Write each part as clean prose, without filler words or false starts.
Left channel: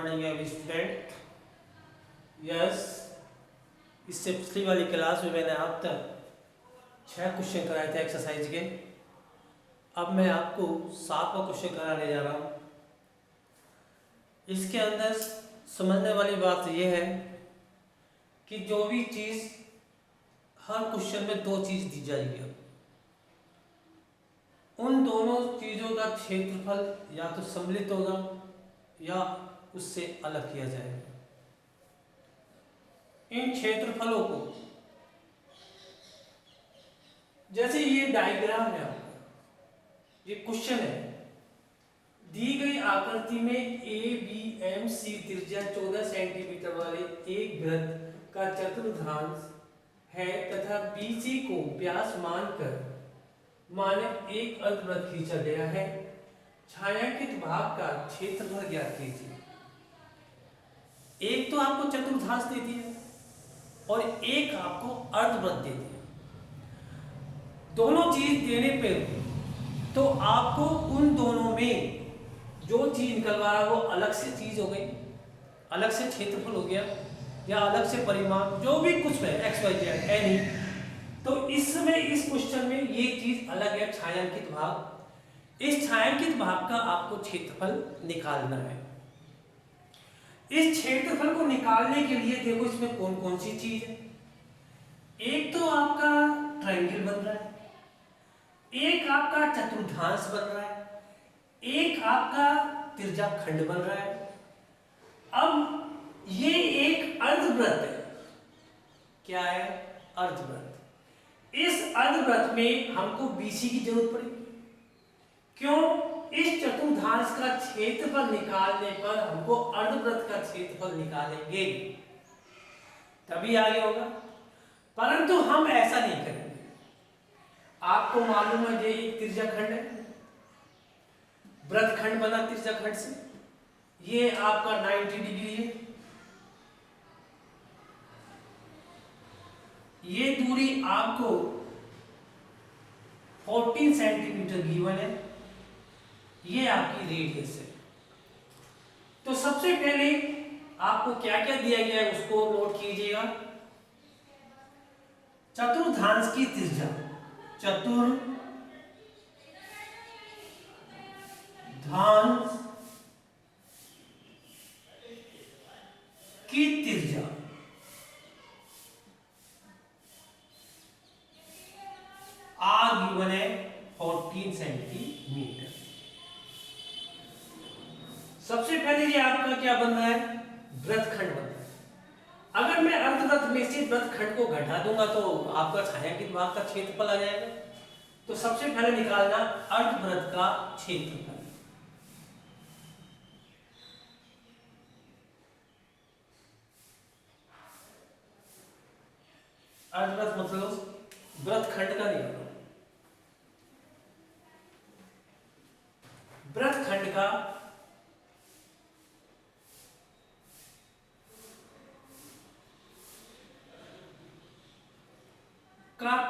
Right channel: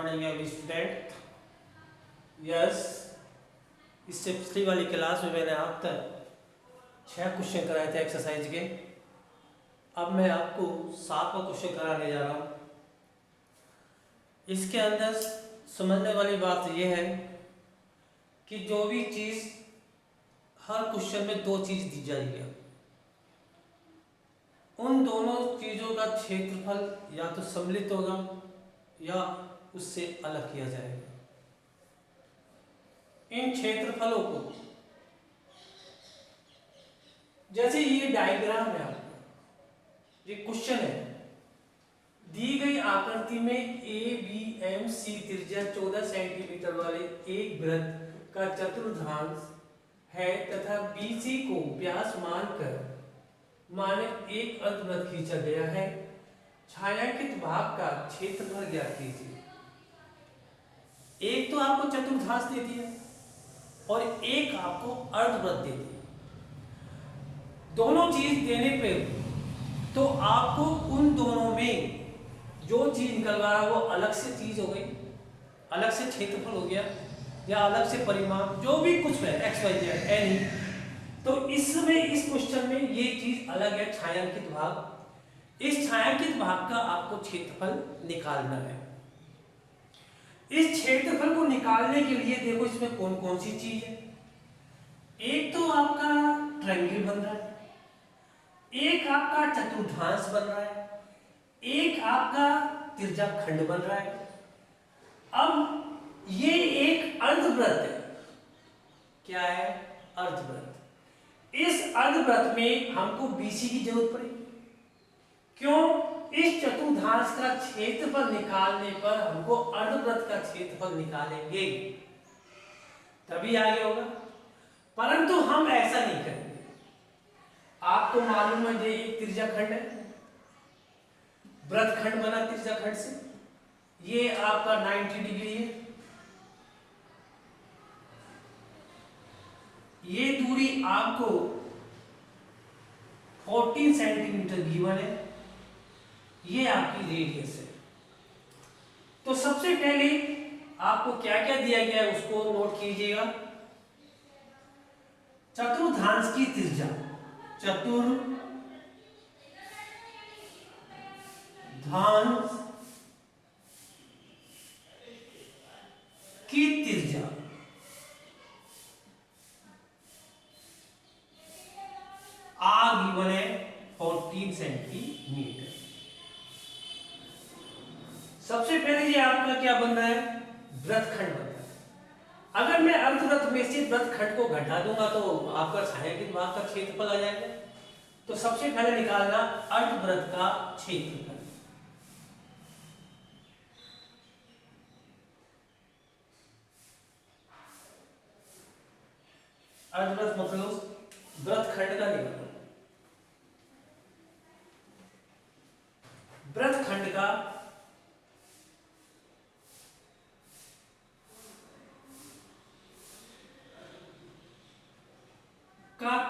Morning every student. Yes, इससे पिछली वाली क्लास में मैंने अब तक 6 क्वेश्चन कराए थे एक्सरसाइज के। अब मैं आपको 7वां क्वेश्चन कराने जा रहा हूँ। इसके अंदर समझने वाली बात यह है कि जो भी चीज़ हर क्वेश्चन में 2 चीज़ दी जाएगी, उन दोनों चीज़ों का क्षेत्रफल या तो सम्मिलित होगा या उससे अलग किया जाएगा। इन क्षेत्रफलों को, जैसे ये डायग्राम है आपका, ये क्वेश्चन है, दी गई आकृति में ए बी एम सी त्रिज्या 14 सेंटीमीटर वाले एक वृत्त का चतुर्थांश है तथा बीसी को व्यास मानकर माने एक अर्धवृत्त खींचा गया है। छायांकित भाग का क्षेत्रफल ज्ञात कीजिए। एक तो आपको चतुर्थांश दे दिया और एक आपको अर्धवृत्त दे दिया। दोनों चीज देने पे तो आपको उन दोनों में जो चीज निकल रहा है वो अलग से चीज हो गई, अलग से क्षेत्रफल हो गया या अलग से परिमाण, जो भी कुछ है एक्स वाई जेड है नहीं। तो इसमें इस क्वेश्चन में ये चीज अलग है, छायांकित भाग। इस छायांकित भाग का आपको क्षेत्रफल निकालना है। इस क्षेत्रफल को निकालने के लिए देखो इसमें कौन कौन सी चीज है। एक तो आपका ट्रायंगल बन रहा है, एक आपका चतुर्थांश बन रहा है, एक आपका त्रिज्याखंड बन रहा है। अब ये एक अर्धवृत्त है। क्या है? अर्धवृत्त। इस अर्धवृत्त में हमको बीसी की जरूरत पड़ेगी। क्यों? इस चतुर्थांश का क्षेत्रफल निकालने पर हमको अर्धवृत्त का क्षेत्रफल निकालेंगे तभी आगे होगा, परंतु हम ऐसा नहीं करेंगे। आपको मालूम है ये एक त्रिज्याखंड है, वृत्तखंड बना त्रिज्याखंड से, ये आपका 90 डिग्री है। ये दूरी आपको 14 सेंटीमीटर गिवन है। ये आपकी रेडियस है। तो सबसे पहले आपको क्या क्या दिया गया है उसको नोट कीजिएगा। चतुर्थांश की त्रिज्या, चतुर्थांश की त्रिज्या आर गिवन है 14 सेंटीमीटर। सबसे पहले ये आपका क्या बन रहा है? वृत्तखंड बन रहा है। अगर मैं अर्धवृत्त में से वृत्तखंड को घटा दूंगा तो आपका छायांकित भाग का क्षेत्रफल आ जाएगा। तो सबसे पहले निकालना अर्धवृत्त का क्षेत्रफल। अर्धवृत्त मतलब वृत्तखंड का निकालना। वृत्तखंड का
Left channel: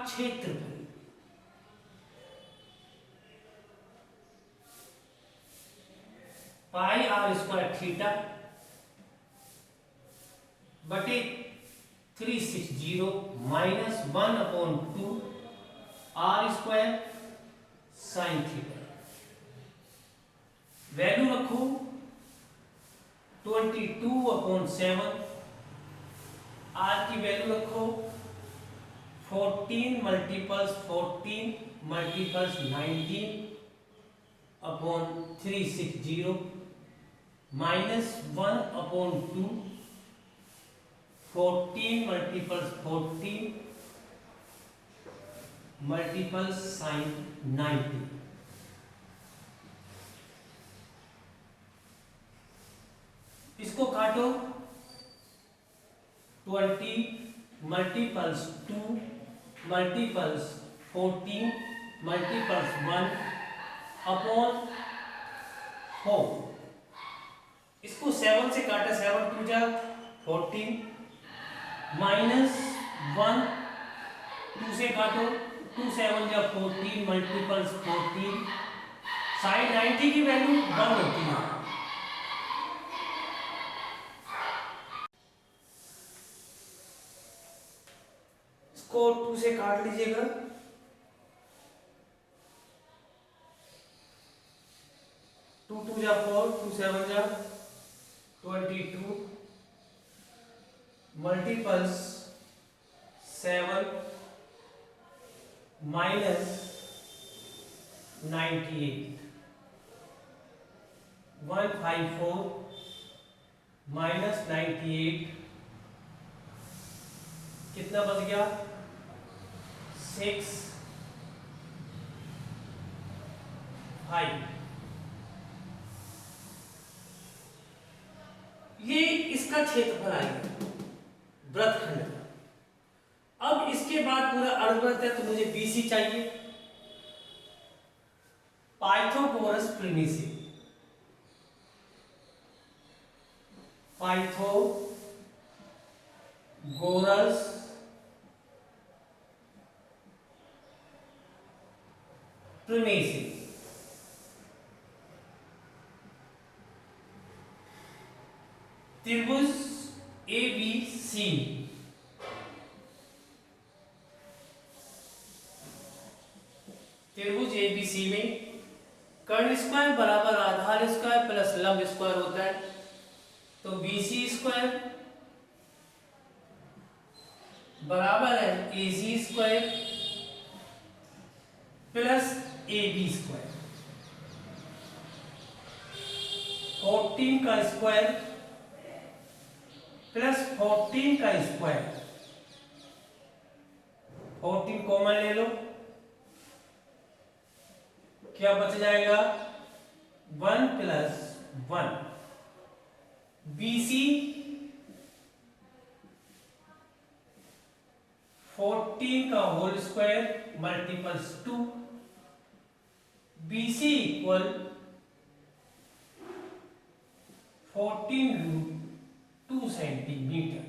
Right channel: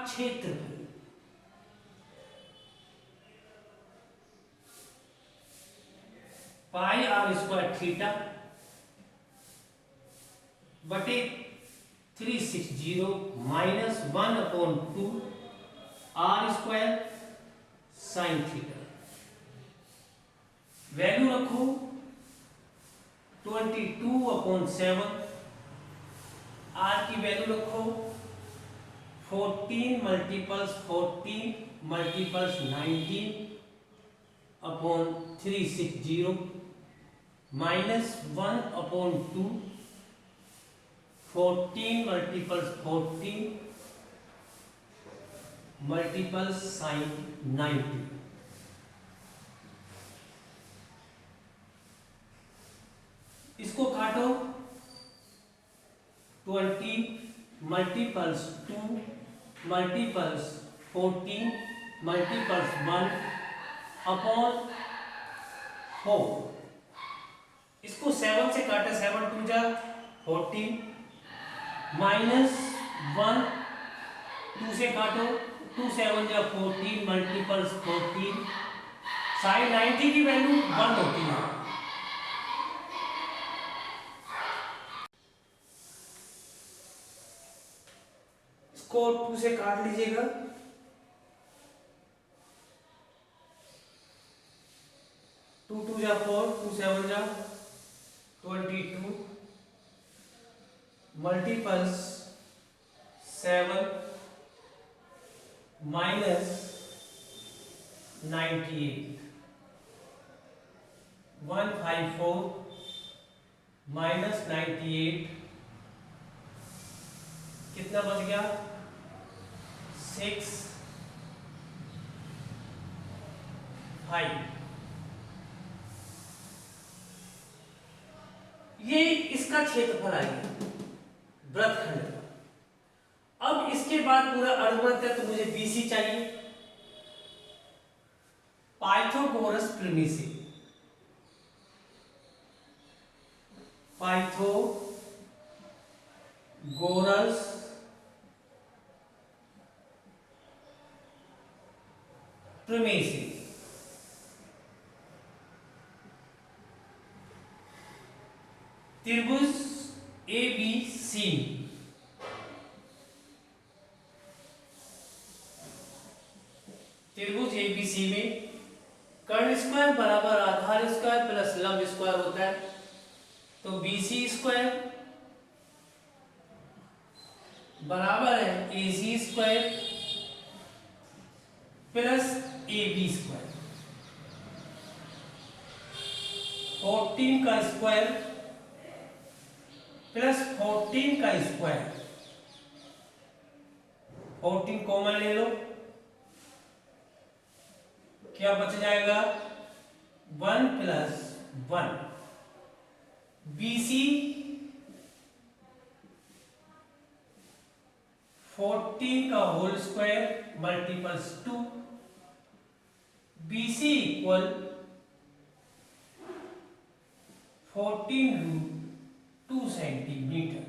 क्षेत्रफल पाई आर स्क्वायर थीटा बटे 360 minus 1/2 R square sine theta. Value रखो 22/7। आर की वैल्यू रखो 14 multiples 14 multiples 19/360 minus 1/2 14 multiples 14 multiples sine 90। इसको काटो 20 मल्टीपल्स 2 मल्टीपल्स 14 मल्टीपल्स 1/4। इसको 7 से काटा, 7 2 जा 14 माइनस 1 2 से काटो, 2 7 जा 14 मल्टीपल्स 14 साइन 90 की वैल्यू 1 होती है। से काट लीजिएगा। टू टू जा 4, 2 7 जा 22, मल्टीपल्स 7 माइनस 98, 154 माइनस 98 कितना बच गया? 6 5। ये इसका क्षेत्रफल आएगा वृत्तखंड का। अब इसके बाद पूरा अर्धवृत्त है तो मुझे बीसी चाहिए। पाइथागोरस प्रिमिसी, पाइथागोरस प्रिमिसी त्रिभुज ABC, त्रिभुज ABC में कर्ण स्क्वायर बराबर आधार स्क्वायर प्लस लंब स्क्वायर होता है। तो BC स्क्वायर बराबर है AC square plus AB square. 14 का स्क्वायर प्लस 14 का स्क्वायर, 14 कॉमन ले लो, क्या बच जाएगा? 1 प्लस 1। BC 14 का whole square multiples 2, BC equal 14√2 centimetre.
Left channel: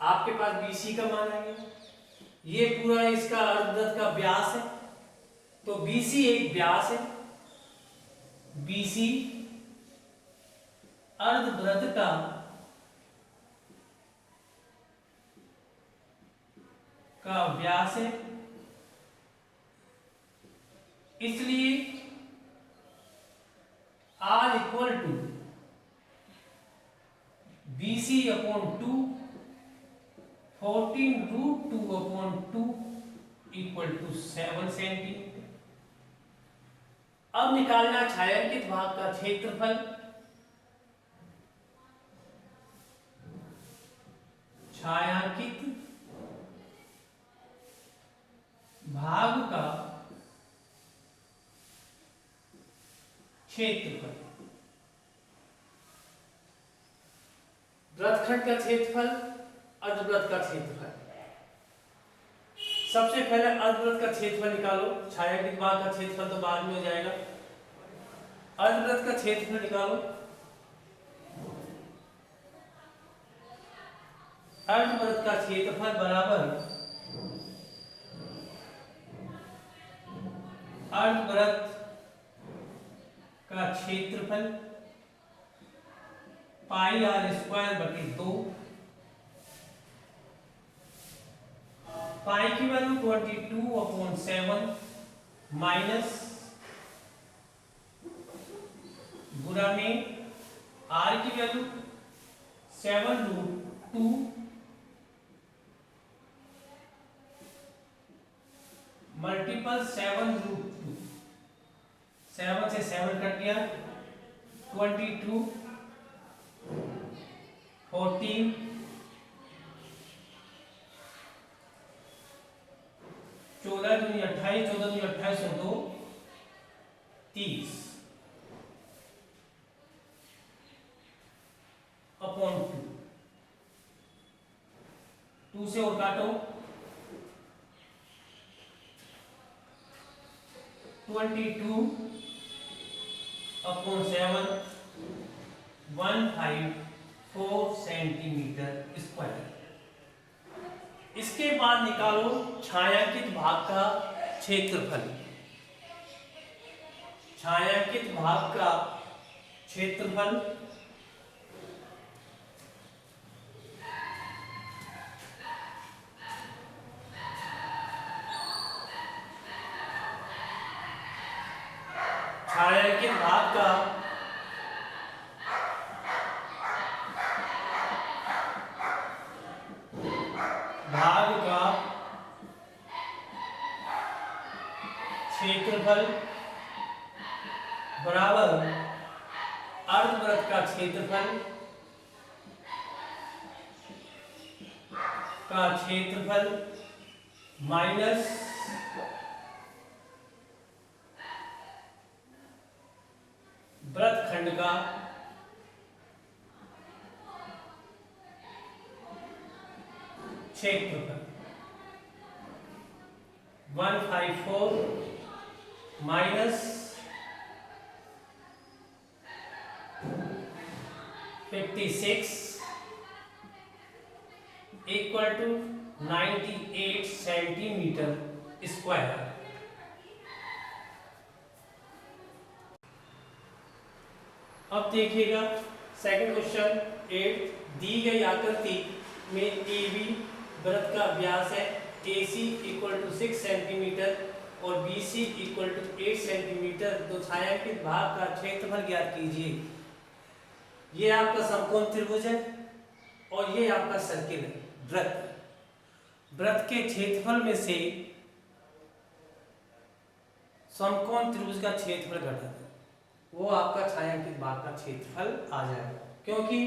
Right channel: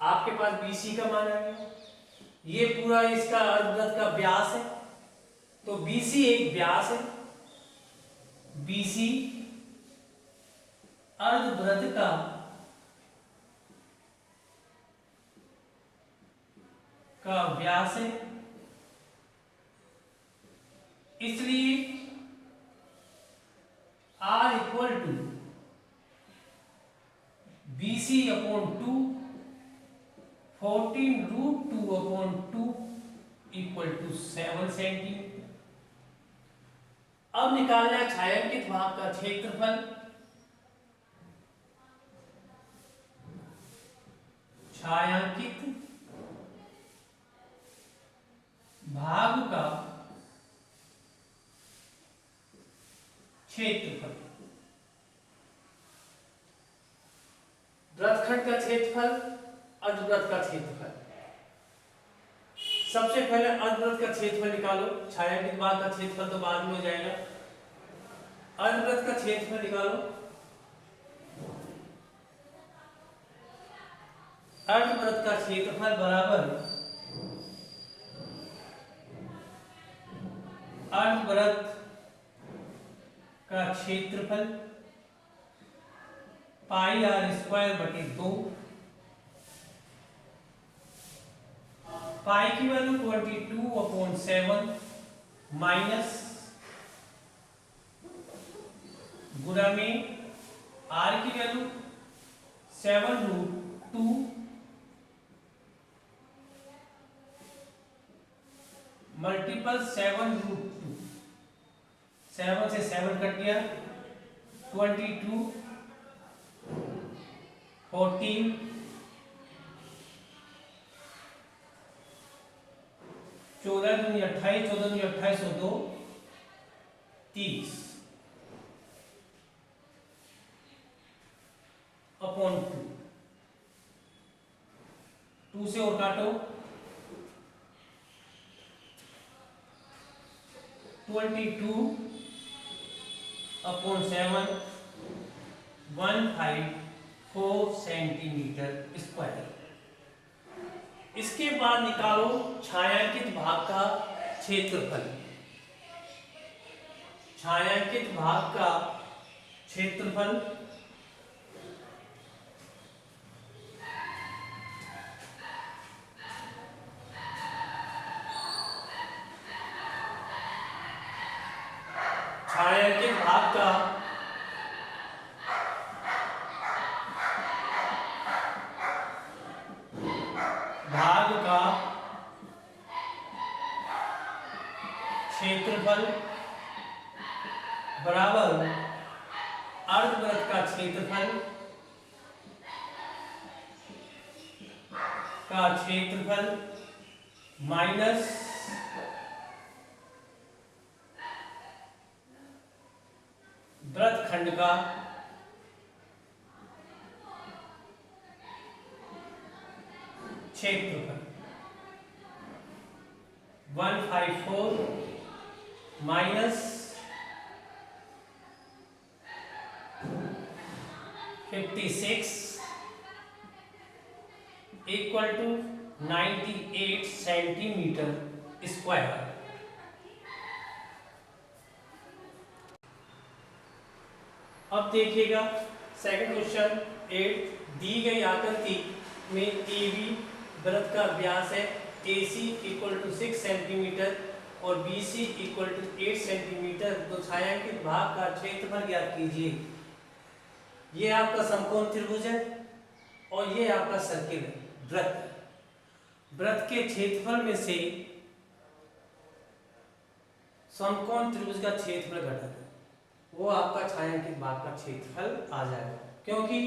आपके पास BC का मान आ गया। ये पूरा इसका अर्धवृत्त का व्यास है, तो BC एक व्यास है। BC अर्धवृत्त का व्यास है, इसलिए R equal to BC upon 2, 14√2/2 equal to 7 centimetre. अब निकालना छायांकित भाग का क्षेत्रफल। छायांकित भाग का क्षेत्रफल, वृत्तखंड का क्षेत्रफल, अर्धवृत्त का क्षेत्रफल। सबसे पहले अर्धवृत्त का क्षेत्रफल निकालो। छायांकित भाग का क्षेत्रफल तो बाद में हो जाएगा। अर्धवृत्त का क्षेत्रफल निकालो। अर्धवृत्त का क्षेत्रफल बराबर अर्धवृत्त का क्षेत्रफल पाई r²/2। पाई की वैल्यू 22/7 माइनस गुणा में r की वैल्यू 7√2 मल्टीपल 7√2। 7 से 7 कट गया, 22, 14, 14 दूनी 28, 14 दूनी 28 और 2 30 अपॉन 2 से और काटो, 22/7 154 सेंटीमीटर स्क्वायर। इसके बाद निकालो छायांकित भाग का क्षेत्रफल। छायांकित भाग का क्षेत्रफल छायांकित भाग का क्षेत्रफल बराबर अर्धवृत्त का क्षेत्रफल माइनस वृत्तखंड का क्षेत्रफल 154 minus 56 equal to 98 centimetre square. अब देखिएगा सेकंड क्वेश्चन 8। दी गई आकृति में ए बी वृत्त का व्यास है, A C equal to 6 centimetre और B C equal to 8 centimetre. तो छायांकित भाग का क्षेत्रफल ज्ञात कीजिए। ये आपका समकोण त्रिभुज है और ये आपका सर्किल है, वृत्त। वृत्त के क्षेत्रफल में से समकोण त्रिभुज का क्षेत्रफल घटाएं, वो आपका छायांकित भाग का क्षेत्रफल आ जाएगा। क्योंकि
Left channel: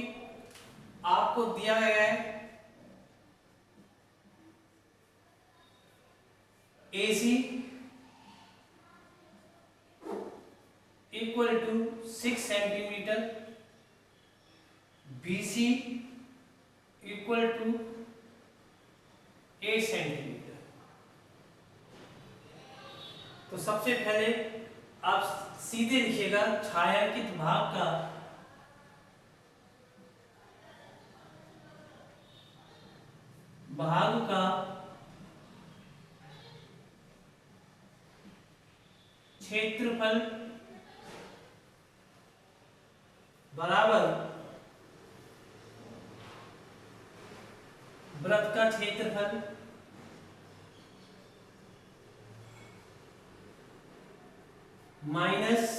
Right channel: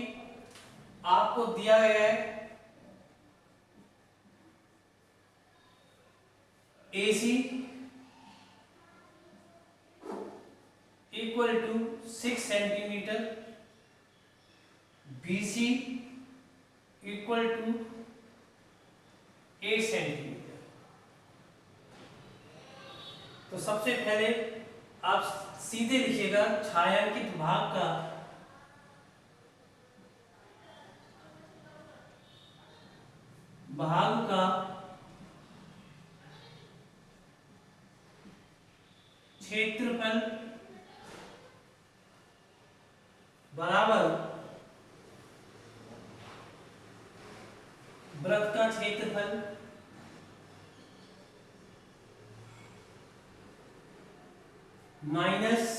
आपको दिया गया है AC equal to 6 centimetre, BC equal to 8 centimetre. तो सबसे पहले आप सीधे लिखिएगा छायांकित भाग का क्षेत्रफल बराबर वृत्त का क्षेत्रफल माइनस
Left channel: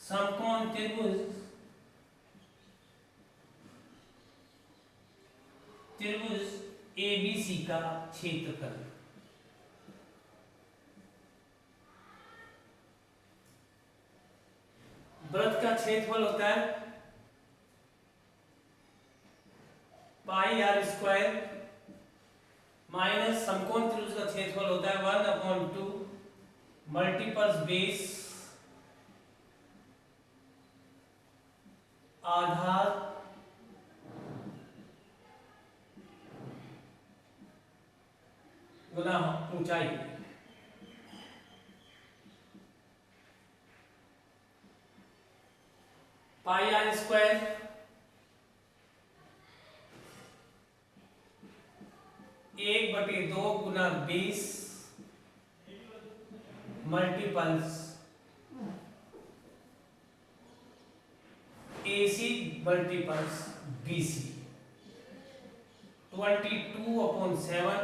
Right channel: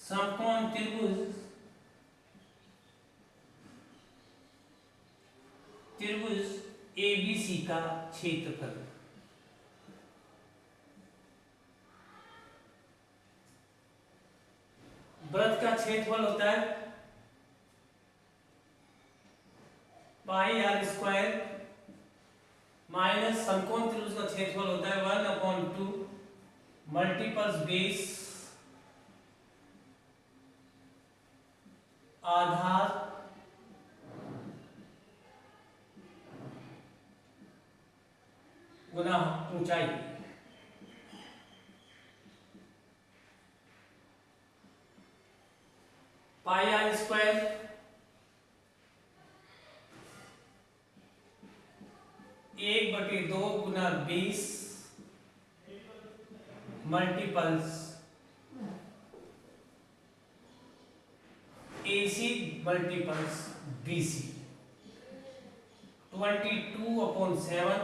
समकोण त्रिभुज ABC का क्षेत्रफल। वृत्त का क्षेत्रफल होता है पाई आर स्क्वायर माइनस समकोण त्रिभुज का क्षेत्रफल होता है 1/2 मल्टीपल्स बेस आधार गुना ऊंचाई। पाई आर स्क्वायर एक बटे 2 गुना 20 multiples AC multiples BC 22/7।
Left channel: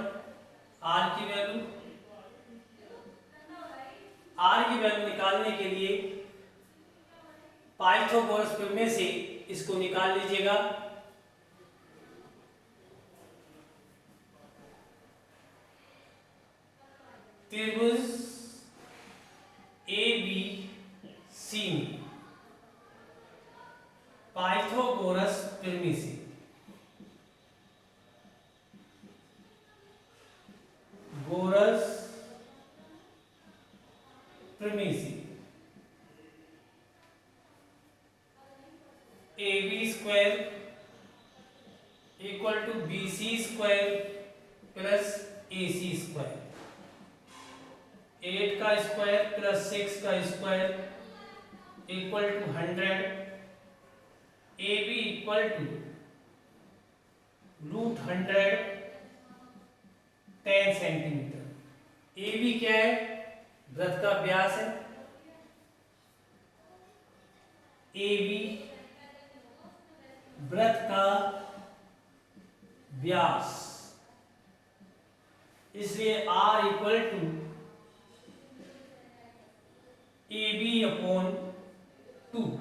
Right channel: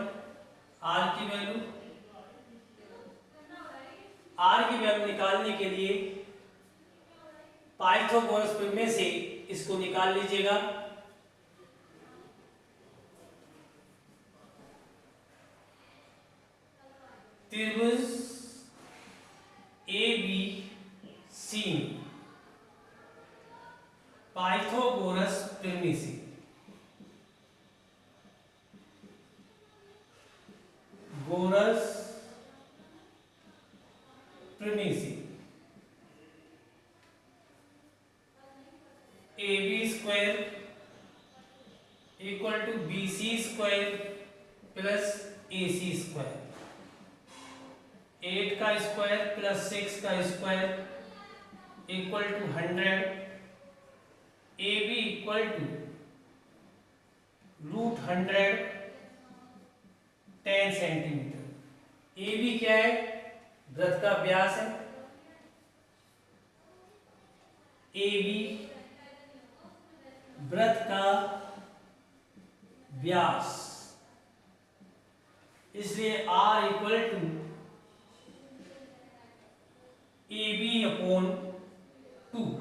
R की वैल्यू निकालने के लिए पाइथागोरस प्रमेय से इसको निकाल लीजिएगा। त्रिभुज ABC में पाइथागोरस प्रमेय से AB square equal to BC square plus AC square, 8 का स्क्वायर प्लस 6 का स्क्वायर इक्वल टू 100। AB इक्वल टू √100 10 सेंटीमीटर। AB क्या है? वृत्त का व्यास है। AB वृत्त का व्यास, इसलिए R equal to AB/2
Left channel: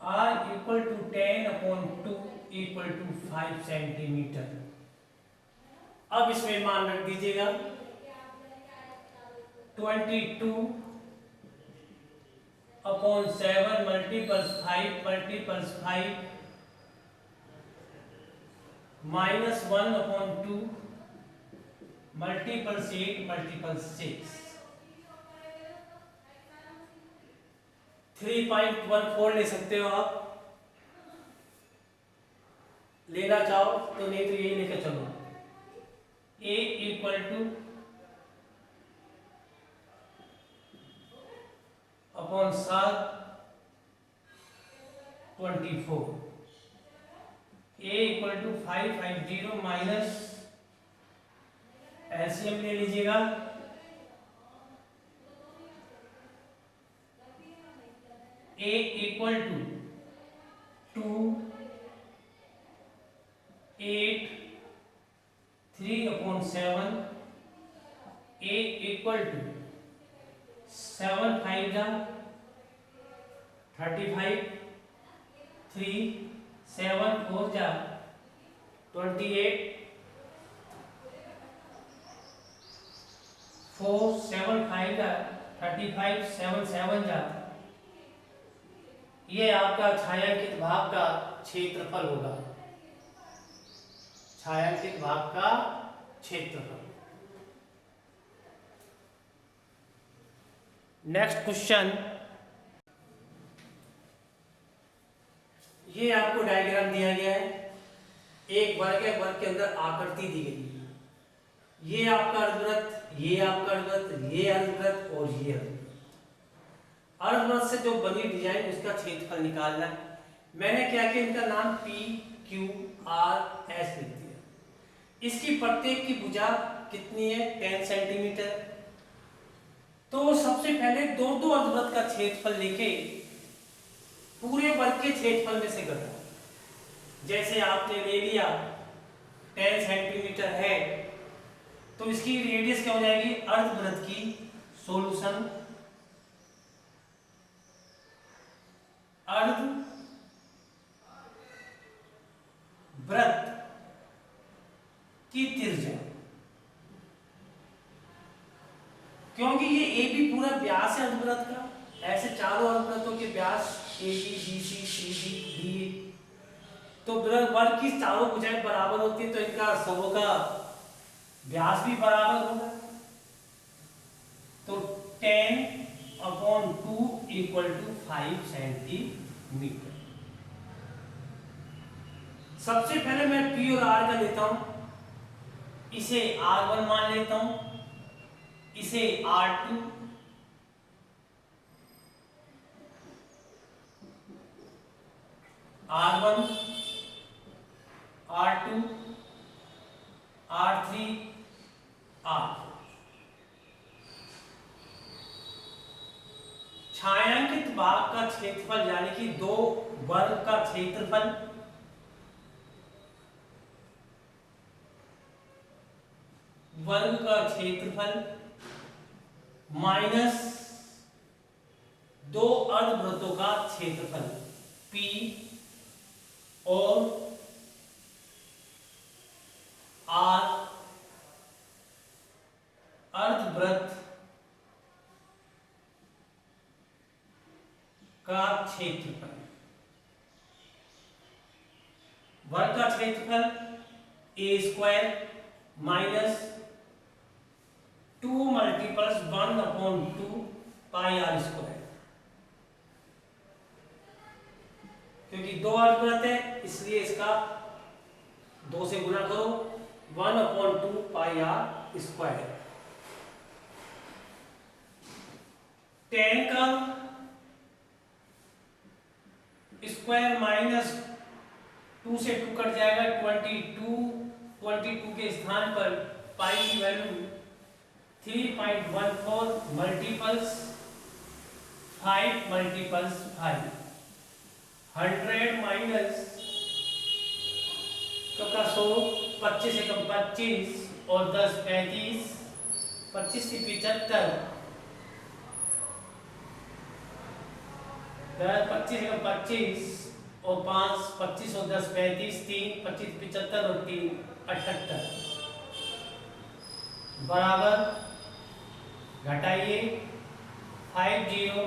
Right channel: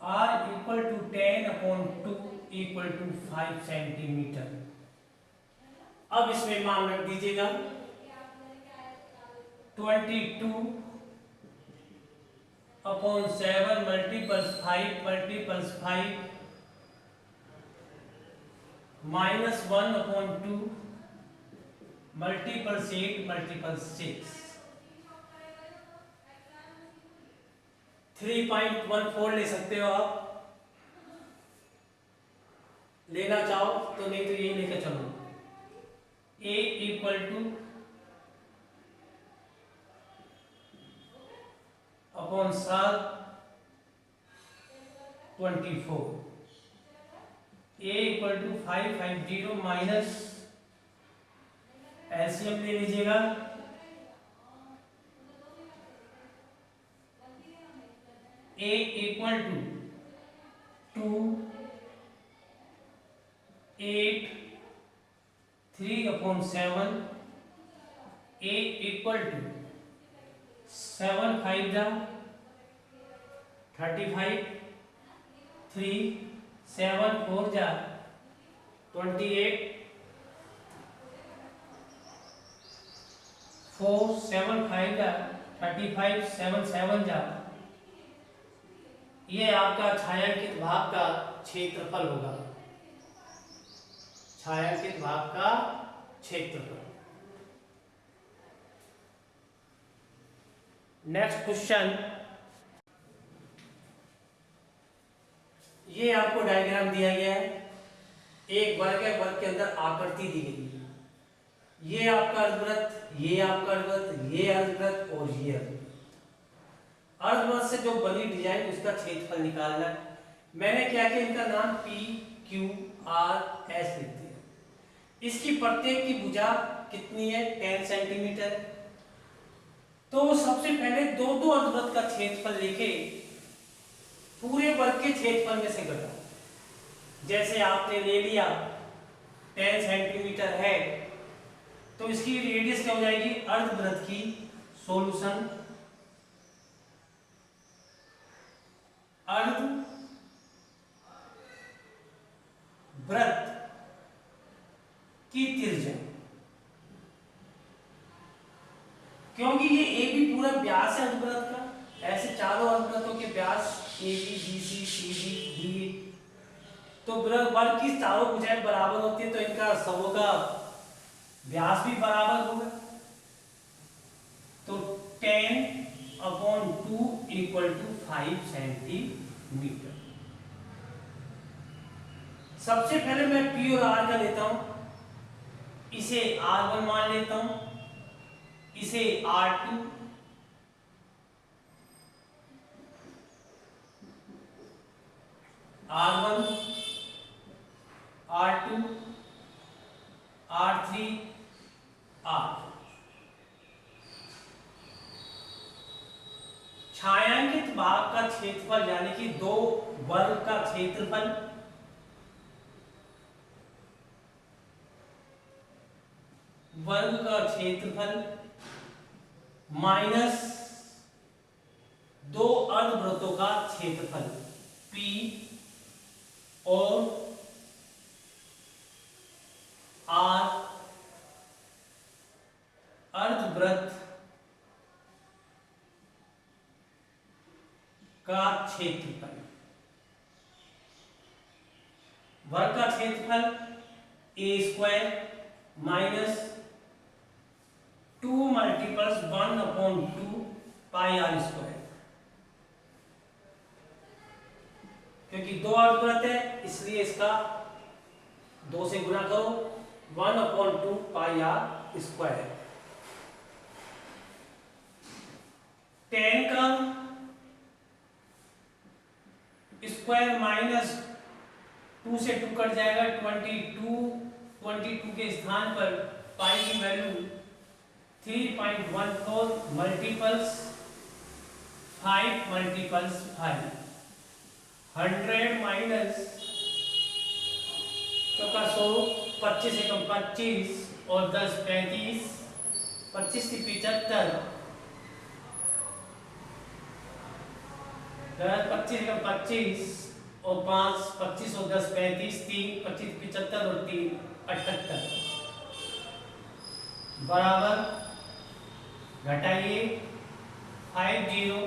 R = 10/2 = 5 centimetre. अब इसमें मान रख दीजिएगा 22/7 × 5 × 5 -1/2 × 8 × 6 3.14 ले सकते हो आप, लेना चाहो तो, नहीं तो ये लेकर चलो। A = upon 7 24 A = 550 minus LCM ले लीजिएगा, A = 2 8 3/7 A = 7 5 35 3 7 4 28 4 7 5 35 7 7 ये आपका छायांकित भाग का क्षेत्रफल होगा, छायांकित भाग का क्षेत्रफल। नेक्स्ट क्वेश्चन, ये आपको डायग्राम दिया गया है, एक वर्ग है, वर्ग के अंदर आकृति दी गई है, ये आपका अर्धवृत्त, ये आपका अर्धवृत्त, ये अर्धवृत्त और ये अर्धवृत्त। अर्धवृत्त से जो बनी डिजाइन उसका क्षेत्रफल निकालना है। मैंने क्या किया, इनका नाम P Q R S लिख दिया। इसकी प्रत्येक की भुजा कितनी है, 10 सेंटीमीटर। तो सबसे पहले दो दो अर्धवृत्त का क्षेत्रफल लिखे, पूरे वर्ग के क्षेत्रफल में से घटा। जैसे आपने ले लिया 10 सेंटीमीटर है, तो इसकी रेडियस क्या हो जाएगी, अर्धवृत्त की सॉल्यूशन अर्धवृत्त की त्रिज्या, क्योंकि ये ए बी पूरा व्यास है अर्धवृत्त का, ऐसे चारों अर्धवृत्तों के व्यास A B B C C D D, तो वर्ग की चारों भुजाएं बराबर होती है, तो इनका सबों का व्यास भी बराबर होगा। तो 10/2 = 5 सेंटीमीटर। सबसे पहले मैं P और R का लेता हूं, इसे R1 मान लेता हूं, इसे R2, R1 R2 R3 R। छायांकित भाग का क्षेत्रफल यानी कि दो वर्ग का क्षेत्रफल माइनस दो अर्धवृत्तों का क्षेत्रफल P और R, अर्धवृत्त का क्षेत्रफल। वर्ग का क्षेत्रफल A² माइनस 2 × 1/2 πr², क्योंकि दो अर्धवृत्त है इसलिए इसका 2 से गुणा करो, 1/2 πr²। 10 का स्क्वायर माइनस 2 से 2 कट जाएगा, 22 के स्थान पर पाई की वैल्यू 3.14 मल्टीपल्स 5 × 5 100 माइनस 100 25 से कम 25 और 10 35 25 से 75, 25 और 5, 25 और 10 35, 3 25 75 और 3 78 बराबर, घटाइए 50,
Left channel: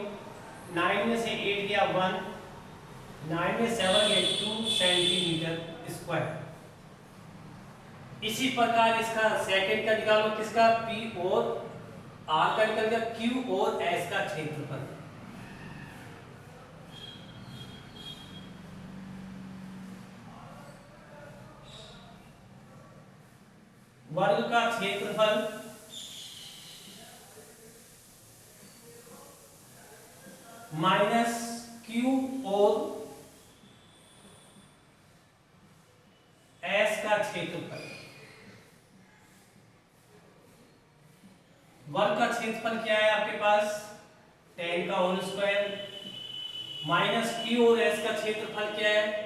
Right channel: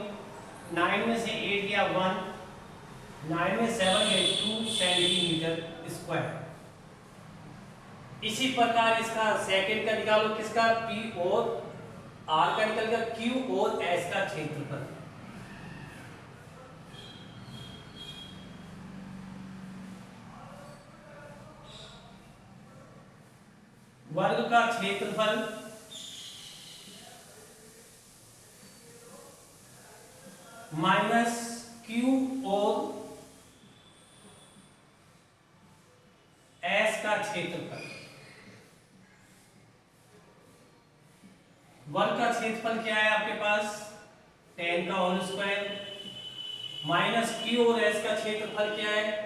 9 में से 8 गया 1, 9 में 7 गए 2 सेंटीमीटर स्क्वायर। इसी प्रकार इसका सेकंड का निकालो, किसका, पी और आर का निकल गया, क्यू और एस का क्षेत्रफल। वर्ग का क्षेत्रफल माइनस क्यू और एस का क्षेत्रफल। वर्ग का क्षेत्रफल क्या है आपके पास, 10 का होल स्क्वायर, माइनस क्यू और एस का क्षेत्रफल क्या है,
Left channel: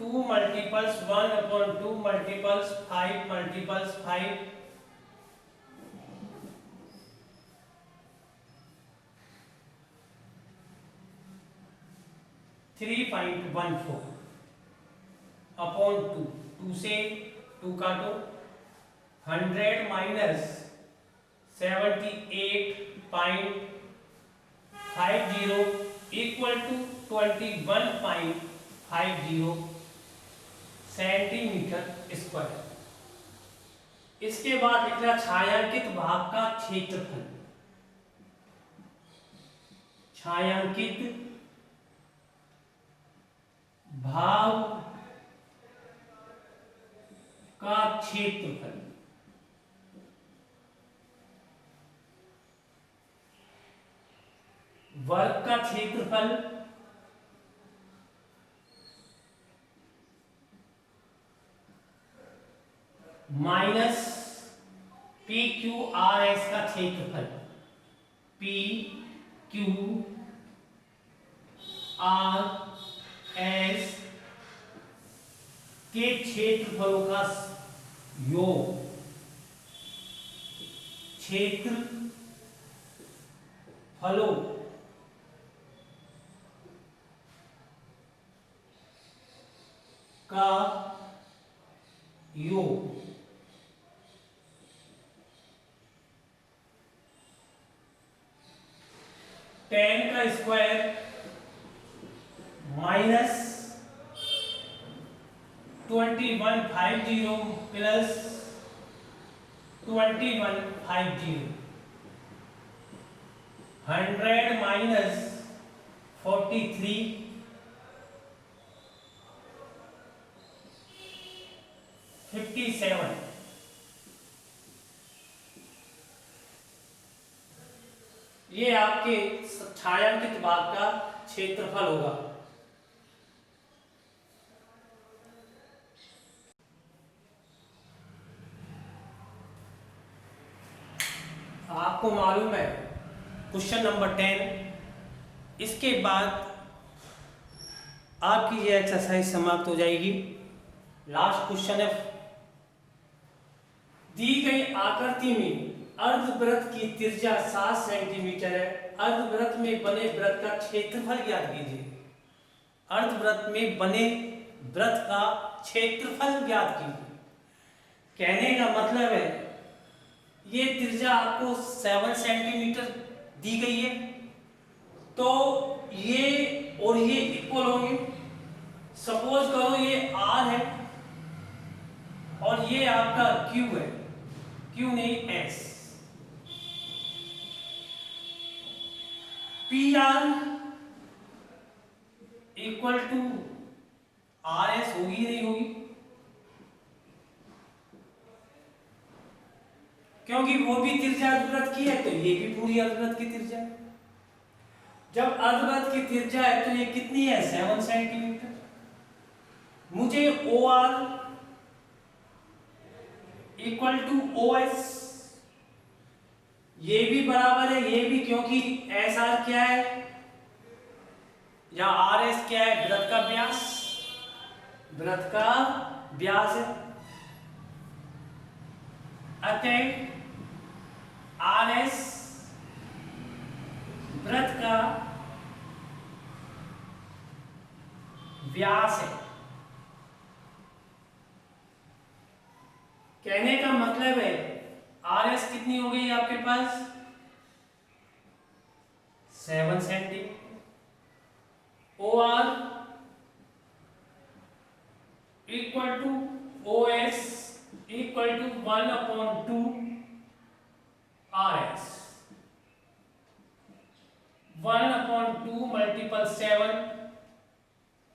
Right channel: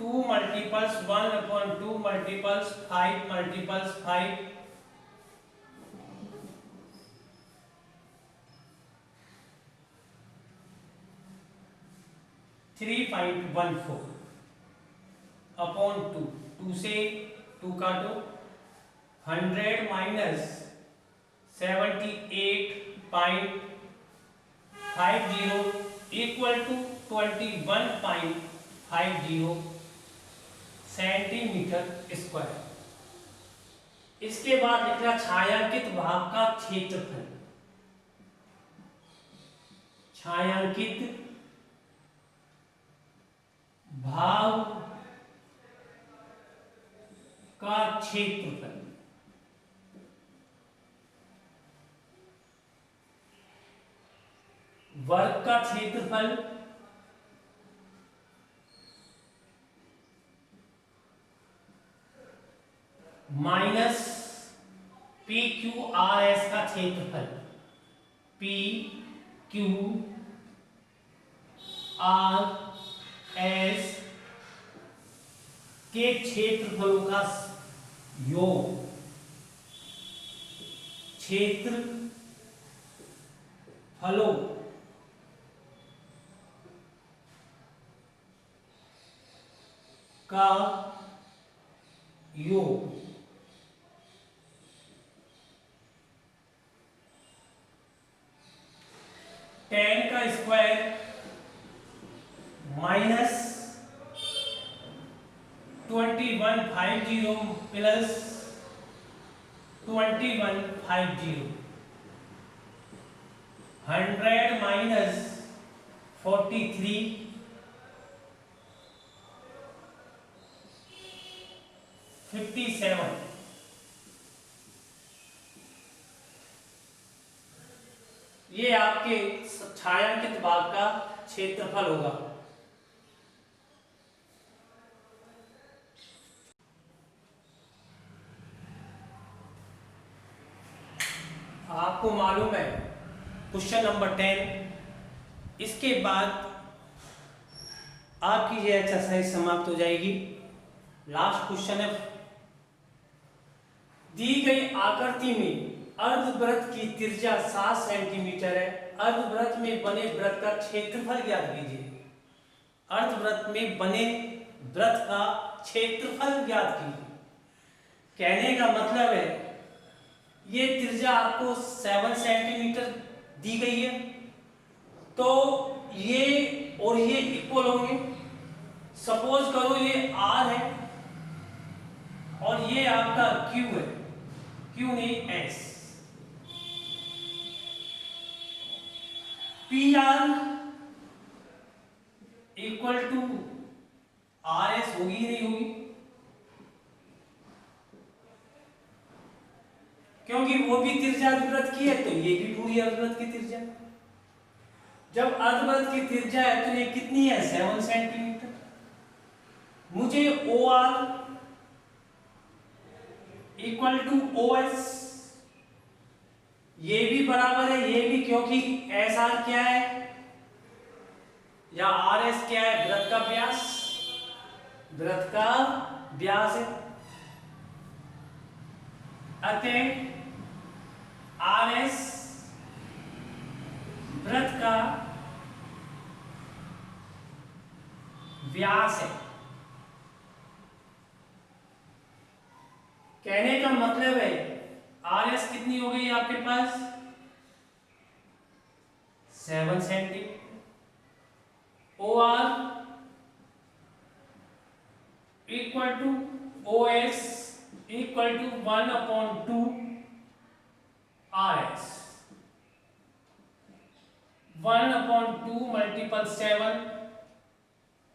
2 मल्टीपल्स 1/2 मल्टीपल्स 5 मल्टीपल्स 5, 3.14 अपॉन 2, 2 से 2 काटो, 100 minus 78.50 equal to 21.50 centimetre square. इसके बाद लिखना छायांकित भाग का क्षेत्रफल। छायांकित भाग का क्षेत्रफल। वर्ग का क्षेत्रफल minus P Q R S का क्षेत्रफल, पी क्यू आर एस के क्षेत्रफलों का योग। क्षेत्रफलों का योग। टेन का स्क्वायर माइनस 2150 प्लस 2150, 100 माइनस 43, 57। ये आपके छायांकित भाग का क्षेत्रफल होगा। आपको मालूम है क्वेश्चन नंबर 10, इसके बाद आपकी ये एक्सरसाइज समाप्त हो जाएगी। लास्ट क्वेश्चन है, दी गई आकृति में अर्धवृत्त की त्रिज्या 7 सेंटीमीटर है, अर्धवृत्त में बने वृत्त का क्षेत्रफल ज्ञात कीजिए। अर्धवृत्त में बने वृत्त का क्षेत्रफल ज्ञात कीजिए। कहने का मतलब है ये त्रिज्या आपको 7 सेंटीमीटर दी गई है, तो ये और ये इक्वल होंगे। सपोज करो ये R है और ये आपका Q है, Q नहीं S। PR इक्वल टू RS होगी नहीं होगी, क्योंकि वो भी त्रिज्या अर्धवृत्त की है तो ये भी पूरी अर्धवृत्त की त्रिज्या है। जब अर्धवृत्त की त्रिज्या है तो ये कितनी है, 7 सेंटीमीटर। मुझे OR इक्वल टू OS, ये भी बराबर है ये भी, क्योंकि SR क्या है या RS क्या है, वृत्त का व्यास, वृत्त का व्यास है। अतः RS वृत्त का व्यास है। कहने का मतलब है RS कितनी हो गई आपके पास 7 centimetre. OR equal to OS equal to 1/2 RS। 1/2 multiple 7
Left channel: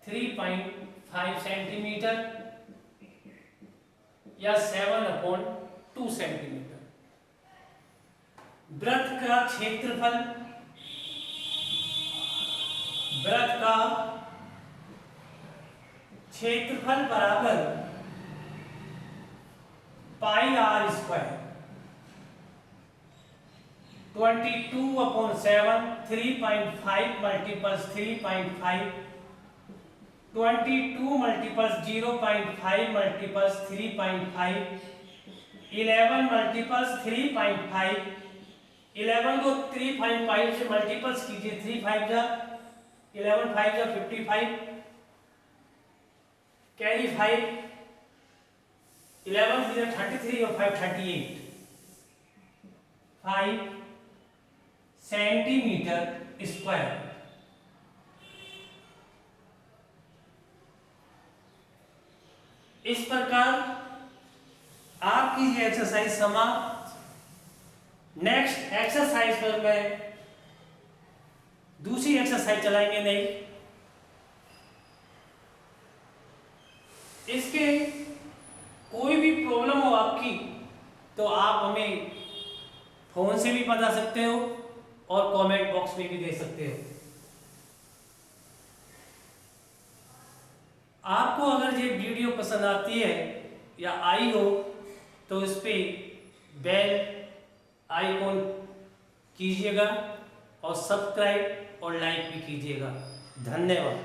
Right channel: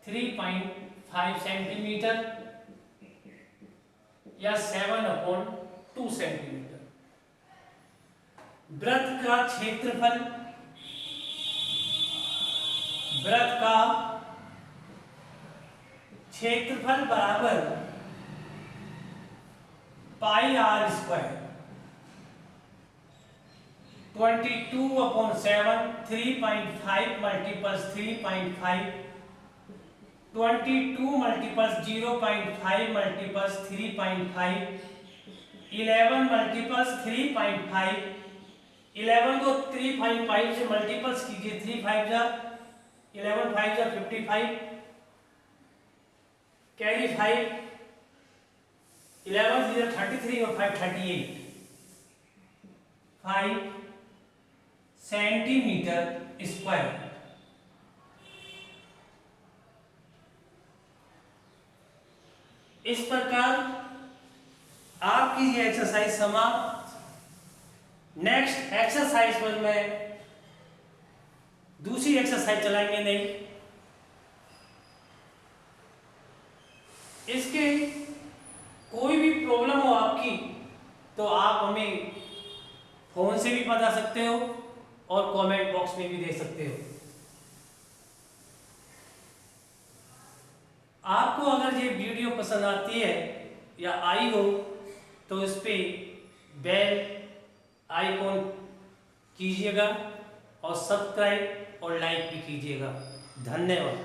3.5 centimetre या 7/2 सेंटीमीटर। वृत्त का क्षेत्रफल, वृत्त का क्षेत्रफल बराबर pi r square. 22/7 3.5 multiples 3.5 22 multiples 0.5 multiples 3.5 11 multiples 3.5 11 को 3.5 से मल्टीपल्स कीजिए 3 5 जा 11 5 जा 55 कैरी 5 11 से 33 और 5 38 5 सेंटीमीटर स्क्वायर। इस प्रकार आपकी ये एक्सरसाइज समाप्त। नेक्स्ट एक्सरसाइज पर मैं दूसरी एक्सरसाइज चलाएंगे नहीं। इसके कोई भी प्रॉब्लम हो आपकी तो आप हमें फोन से भी बता सकते हो और कमेंट बॉक्स में भी दे सकते हो। आपको अगर ये वीडियो पसंद आती है या आई हो तो इस पे बेल आइकॉन कीजिएगा और सब्सक्राइब और लाइक भी कीजिएगा। धन्यवाद।